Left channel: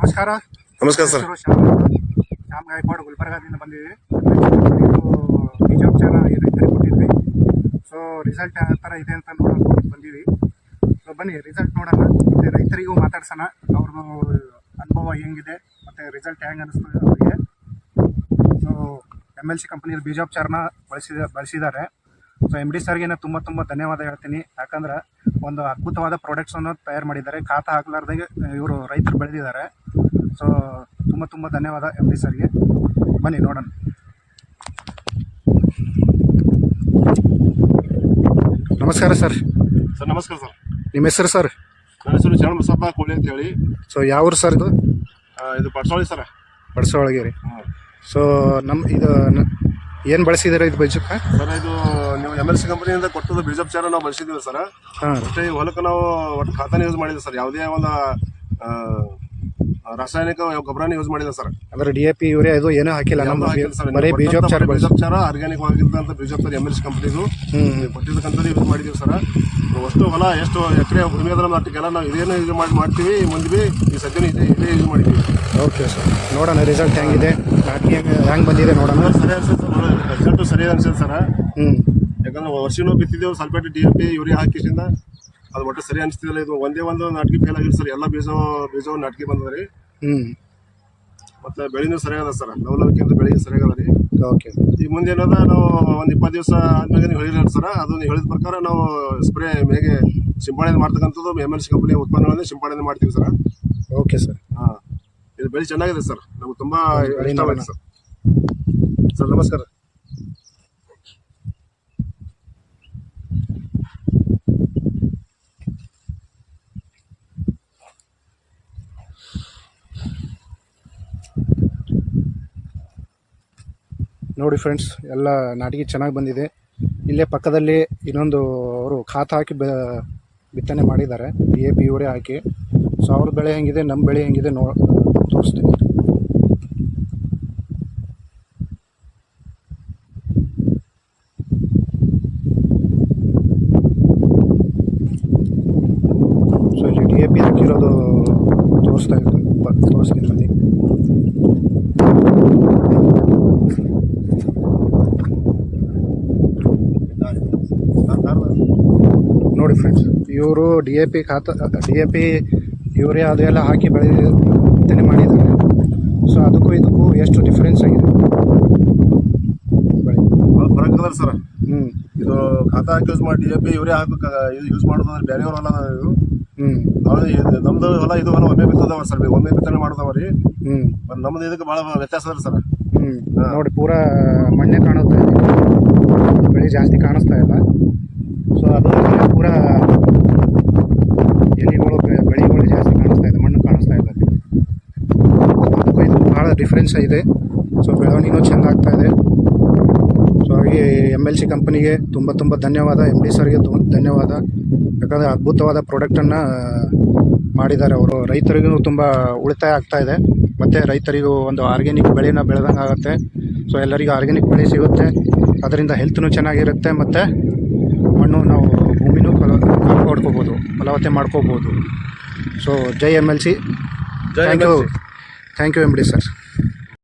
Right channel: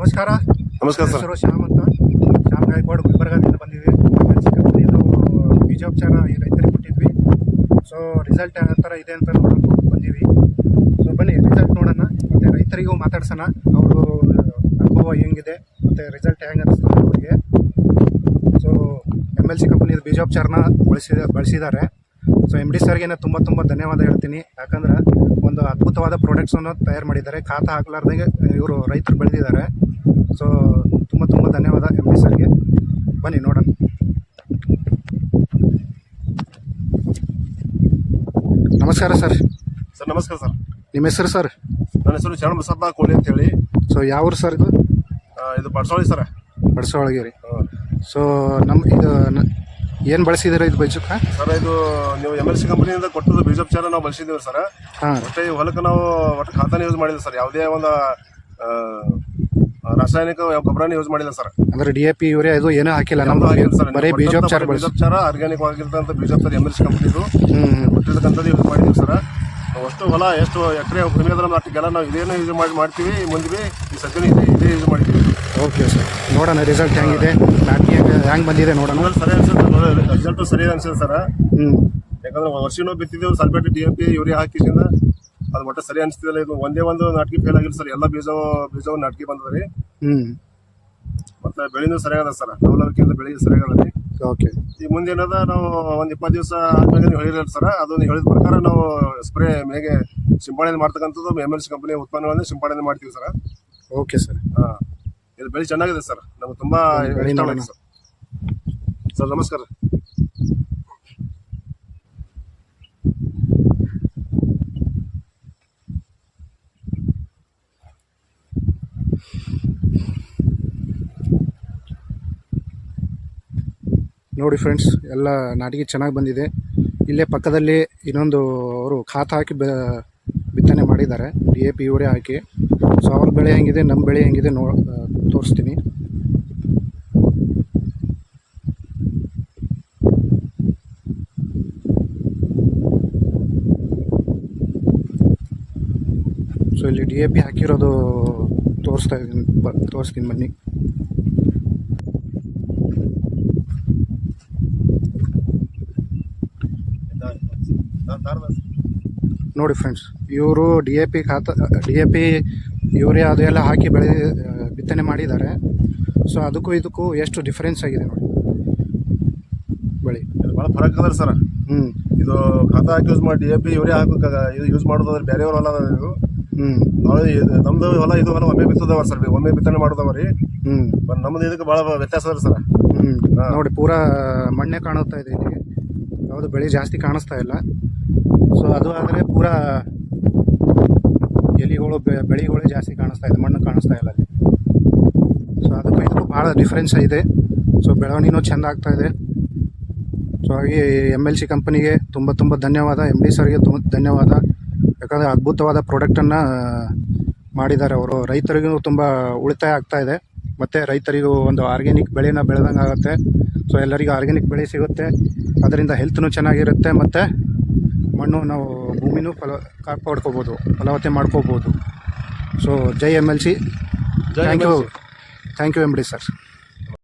ನಮಸ್ಕಾರ. ನಮಸ್ಕಾರ ಸರ್. ಶ್ಯಾಮ್ ಗಾಯಕ್ವಾಡ್ ಗುಲ್ಬರ್ಗಾದಿಂದ ಬಂದಿದ್ವಿ. ಬೀಜೋಪಚಾರ ರೈತರಿಗೆ ಕೊಟ್ಟಿದ್ವಿ. ಸೊ ರಿಸಲ್ಟ್ ಯಾವ ಥರ ಇದೆ ಅಂತ ನೋಡೋಕೆ ಬಂದೀವಿ. ಸೊ ಬನ್ನಿ ರಿಸಲ್ಟ್ ನೋಡೋಣ, ಮತ್ತು ರೈತರಿಗೂ ಮಾತಾಡ್ಸೋಣ. ಅವ್ರದ್ದು ಅನುಭವ ಹೆಂಗಿದೆ ಮತ್ತು ರಿಸಲ್ಟ್ ಹೆಂಗೆ ಅನಿಸ್ತದೆ ಅವರಿಗೆ. ಸೊ MLC ಕಂಪ್ನಿದು ಬೀಜೋಪಚಾರನ ಬಳಸಿದ್ದಾರೆ. ಸೊ MD ಸರ್ಗೆ ತುಂಬ ಧನ್ಯವಾದ ಹೇಳ್ತೀನಿ. ಯಾಕಂದ್ರೆ ಒಂದು ಅದ್ಭುತವಾದ ಪ್ರಾಡಕ್ಟ್ಸನ್ನು ತಯಾರು ಮಾಡಿದ್ದಾರೆ. ಖಾತಾ ಹಾಕಲಾರ್ದಾಗೆ ಇವರು ರೈತರು ಬೆಳೆದಿದ್ದಾರೆ. ಸೊ ತುಂಬ ಧನ್ಯವಾದ MD ಸರ್ಗೆ. ಬನ್ನಿ ನೋಡೋಣ. ನಮಸ್ಕಾರ ಸರ್. ಸರ್ ನಮಸ್ಕಾರ ಸರ್. ನಿಮ್ಮ ಹೆಸರು ಸರ್? ನನ್ನ ಹೆಸರು ಶರಣಬಸಪ್ಪ ಕೋಲಿ ಅಂತ ಹೇಳಿ. ಸೊ ಯಾವ ಸರ್ ಇದು? ಇದು ಪಡ್ಸೋಳಿ ಸರ್. ಪಡ್ಸೋಳಿಗೆ ರೀ. ಸೊ ಇದು ಏನು ಬಳಸಿದ್ದೀರಾ ಇದು ಬೀಜಕ್ಕೆ? ಸರ್ ಇದು ನೀವು MLC ಕಂಪನಿಯಿಂದ ಕೊಟ್ಟದ್ದು ಬೀಜೋಪಚಾರ ನಾವು ಬಳಸಿದ್ದೀವಿ ಸರ್. ಮತ್ತು ಈ ಹೊಲಕ್ಕೆ ನಾವು ಒಟ್ಟು ಖಾತಾನ ಯೂಸ್ ಮಾಡಿದ್ವಿ ಸರ್. ಯಾವುದೇ ಒಂದು ರಾಸಾಯನಿಕ ಗೊಬ್ಬರನ ಯೂಸ್ ಮಾಡಿಲ್ಲ ಸರ್. ಅಂದ್ರೆ DAP ಯೂರಿಯಾ ಇದು ಏನೂ ಹಾಕಿಲ್ಲ, ಬರೀ ಬೀಜೋಪಚಾರ ಆರ್ಗ್ಯಾನಿಕ್ ಆಗಿರ್ತಂಥ ಬೀಜೋಪಚಾರ MLC ಕಂಪನಿದು ಕೊಟ್ಟಿರ್ತಕ್ಕಂಥದ್ದು ಯೂಸ್ ಮಾಡಿದ್ದೀವಿ ಸರ್. ಅಷ್ಟು ಹೊಲ ಎಷ್ಟು ಎಕರೆ ಭೂಮಿ ಅದ್ರ ನಾಟಿಗೆಲ್ಲ ನಾವು ಇದೇನು ಯೂಸ್ ಮಾಡ್ತೀವಿ. ಮುಂದೆ ಈ ಸದ್ಯ ಇದೇ ಯೂಸ್ ಮಾಡ್ತೀವಿ. ಓಕೆ ಸರ್, ನೋಡೋಣ ರಿಸಲ್ಟ್ ಹೆಂಗಿದೆ, ನಾಟಿ ಹೆಂಗೆ ಬಂದಿದೆ ನೋಡೋಣ. ಸರಿ ಅನ್ಸುತ್ತೆ, ರಿಸಲ್ಟು ಸರಿ ಅನ್ಸುತ್ತೆ ಸರ್. ಯಾಕಂದ್ರೆ ವರ್ಷನೂ ಬಿತ್ತಿದ್ದೇವೆ ಸಲ್ಫೇಟ್ DAP ಯೂರಿಯಾ ಹಾಕಿಸಿಂದ ಅದು ಒಟ್ಟು ಸರಿ ಅನಿಸ್ತಿಲ್ಲ. ಇದು ಒಂದೇ ಒಂದು ನಾಟಿಗೆ ಫೇಲ್ ಆಗಿಲ್ಲ ಸರ್. ಎಲ್ಲ ಬೀಜವು ನಾಟಿಗೆ ಬಂದದ ರೀ. ಮತ್ತು ಬೆಳೆನೂ ಸರಿಯಾಗದ ಸರ್. ಡೌಲಕ್ಕಿಂತ ಬೆಳೆ ಸರಿಯಾಗದ ರೀ. ಓಕೆ, ಈಗ ಮುಂದೆ ಏನದ ನಾವು ಒಂದು 20 ದಿವಸ ಆದ್ಮೇಲೆ ನೀವು ಹೇಳಿರಲ್ಲ ಸರ್, ಅದನ್ನು ಹೇಳಿದ ಪ್ರಕಾರ ನಾವು ಸ್ಪ್ರೇ ಮೇಗೆ ಸಿಂಪಡಣೆ ಮಾಡ್ತಕ್ಕಂಥದ್ದು MLC ಕಂಪನಿ ಉತ್ಪನ್ನಗಳನ್ನೇ ಸಿಂಪಡಣೆ ಮಾಡ್ತೀವಿ ಸರ್. Okay sir. ಇದು ಬೆಳೆ ಚೆನ್ನಾಗಿದೆ ಸರ್. ನಮಗೆ ತುಂಬ ನೋಡೋಣ ಸರ್. ಸರ್ ನಮಸ್ಕಾರ. ನೋಡಿ ಫ್ರೆಂಡ್ಸ್, ಎಲ್ಲ ನಾಟಿಗೆ ಚೆನ್ನಾಗಿ ಬಂದಿದೆ. ಇಲ್ಲೇ ಪಕ್ಕದಲ್ಲಿ ಇನ್ನೊಂದು ಅವರು ಖಾತ ಹಾಕಿ ಬಿತ್ತನೆ ಮಾಡಿದ್ದಾರೆ, DAP ಯೂರಿಯಾ ಹಾಕಿ. ಸೊ ಅವ್ರ ಬೆಳೆ ಹೆಂಗಿದೆ, ನಮ್ಮ ಬೆಳೆ ಹೆಂಗಿದೆ ತೋರಿಸ್ತೀನಿ. ಸೊ ಇಲ್ಲಿ DAP ಹಾಕಿರೋದು ತೋರಿಸ್ತೀನಿ ಬನ್ನಿ. ನೋಡಿ ಫ್ರೆಂಡ್ಸ್, ಇವರು DAP ಯೂರಿಯಾ ಅದು ಎಲ್ಲ ಹಾಕಿ ಬಿತ್ತನೆ ಮಾಡಿದ್ದಾರೆ. ಸೊ ಅದಕ್ಕೂ ಇದಕ್ಕೂ ಎಷ್ಟು ಡಿಫ್ರೆನ್ಸ್ ಆಗಿದೆ ಬೆಳೆ, ಭಾಳ ಫರಕ್ ಅದ ಸರ್. ಇದು ಖಾತಾ ಹಾಕಿ ಯೂಸ್ ಮಾಡಿ DAP ಯೂರಿಯಾ ಇದು ಯೂಸ್ ಮಾಡೋದಾದ್ರೆ ಬೇರೆಯವ್ರ ಹೊಲ ಇದು. ನಮ್ದು ಹೊಲ ಇದು ಹೊಲ ಒಮ್ಮೆ ಬಿತ್ತದವ ಸರ್. ಒಮ್ಮೆ ಬಿತ್ತನೆ ಮಾಡೋದವ ರೀ. ನಮ್ದು ಇದಕ್ಕೆ ಭಾಳ ವ್ಯತ್ಯಾಸ ಅದ ಸರ್. ನೋಡಿ, ಪೂರಾ ಮಣ್ಣೆ ಕಾಣುತ್ತಾ ಇದೆ, ಅದು ಬೆಳೆ ಜಾಸ್ತಿ ಕಾಣಿಸ್ತಾ ಇಲ್ಲ. ಸೊ ಅದು ಪೂರಾ ಎಲೆಗಳು ಬೆಳೆಗಳು ಜಾಸ್ತಿ ಕಾಣಿಸ್ತಾ ಇದೆ, ಮಣ್ಣು ಕಾಣಿಸ್ತಾ ಇಲ್ಲ. ಸೊ ಅದಕ್ಕೂ ಇದು ಭಾಳ ಡಿಫ್ರೆನ್ಸ್ ಇದೆ. ಸೊ ಬೆಳವಣಿಗೆನೂ ಚೆಂದ ಆಗ್ತಾ ಇದೆ. ಸೊ ಹಾಗೆ MLC ಕಂಪನಿಗೆ ತುಂಬ ಧನ್ಯವಾದ. MD ಸರ್ಗೆ ಧನ್ಯವಾದ. ಯಾಕಂದರೆ ಅದ್ಭುತವಾದ ಪ್ರಾಡಕ್ಟನ್ನು ಮಾಡಿದ್ದಾರೆ ಅವರು. ರೈತರಿಗೂ ತುಂಬ ಉಳಿತಾಯ ಆಗ್ತಾ ಇದೆ, ಮತ್ತು ರೈತರಿಗೂ ಒಂದು ಆರ್ಗ್ಯಾನಿಕ್ ಬೆಳೆನ ಬೆಳೆದಂಗೆ ಆಗುತ್ತೆ. ಸೊ ಎಲ್ಲರಿಗೂ ಆರ್ಗ್ಯಾನಿಕ್ ಬೆಳೆ ಸಿಗುತ್ತೆ, ಅದರಿಂದ ಹೆಲ್ತ್ನೂ ಚೆನ್ನಾಗಿರುತ್ತೆ, ಮತ್ತು ಮಣ್ಣು ನಾವು ಭೂಮಿನೂ ಕಾಪಾಡ್ಕೋಬೋದು, ಫಲವತ್ತೆ ಮಾಡ್ಕೋಬೋದು. ಸೊ ಜೈ MLC. Thank you MD sir.